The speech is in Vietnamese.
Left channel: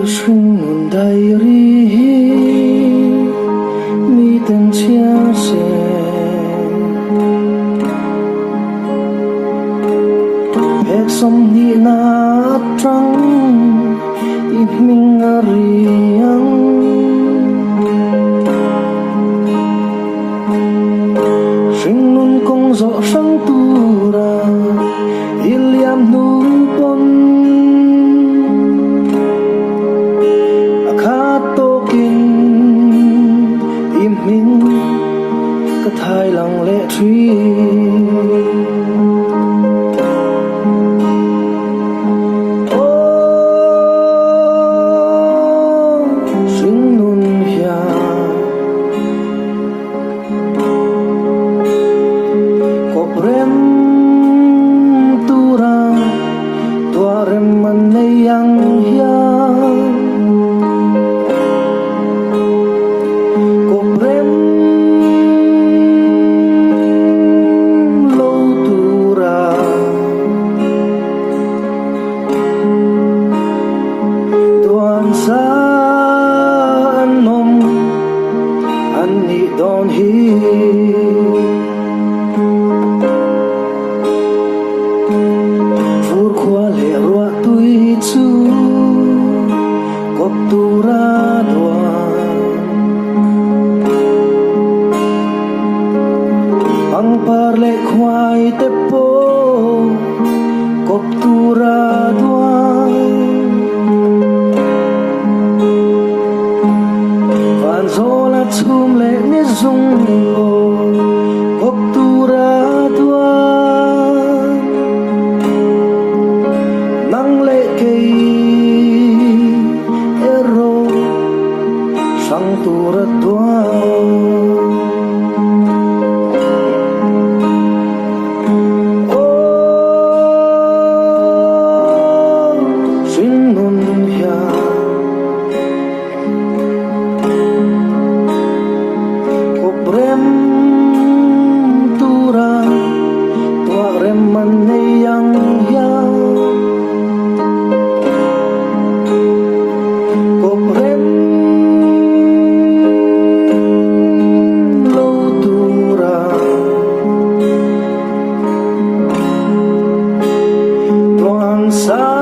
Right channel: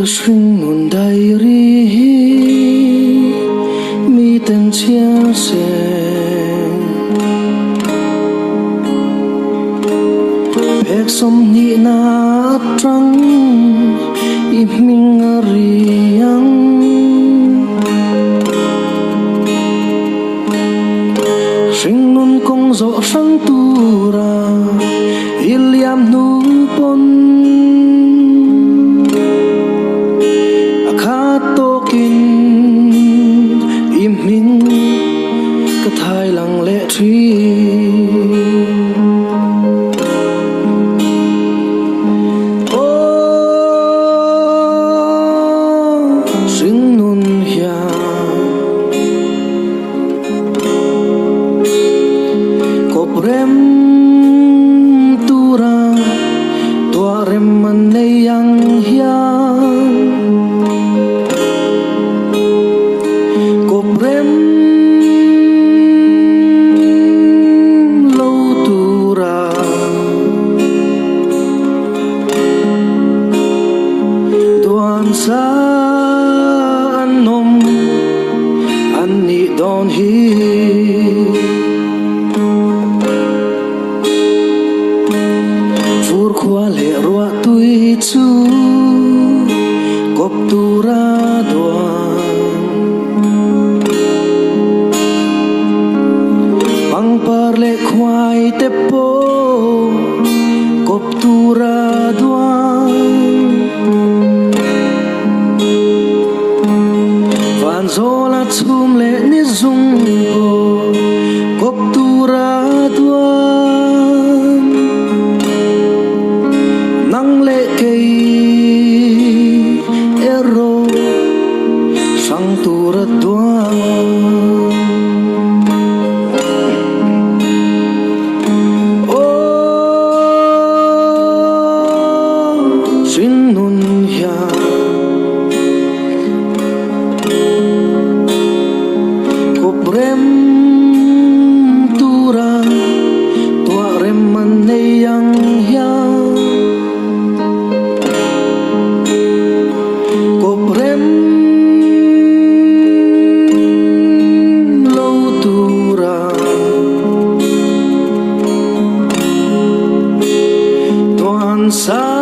Hringnun diary mi tên chia sẻ bek som ni na trăng Hminga riang Hringnun kong rõ sang tu ra iliam nu pon Thái lặng lẽ truy Hringnun hia Koprem tura Tuarem maneyang hia Koprem sa nom ani don hi fur khwa le ro tui chu kop tu ra doan pang par le khwai te po kop tu ra Zola chum le ni zung po kop tu ra duan nang le kei ero sang tu ra duan Hringnun hia Koprem tura tuarem maneyang hia Koprem lo tura tuan sa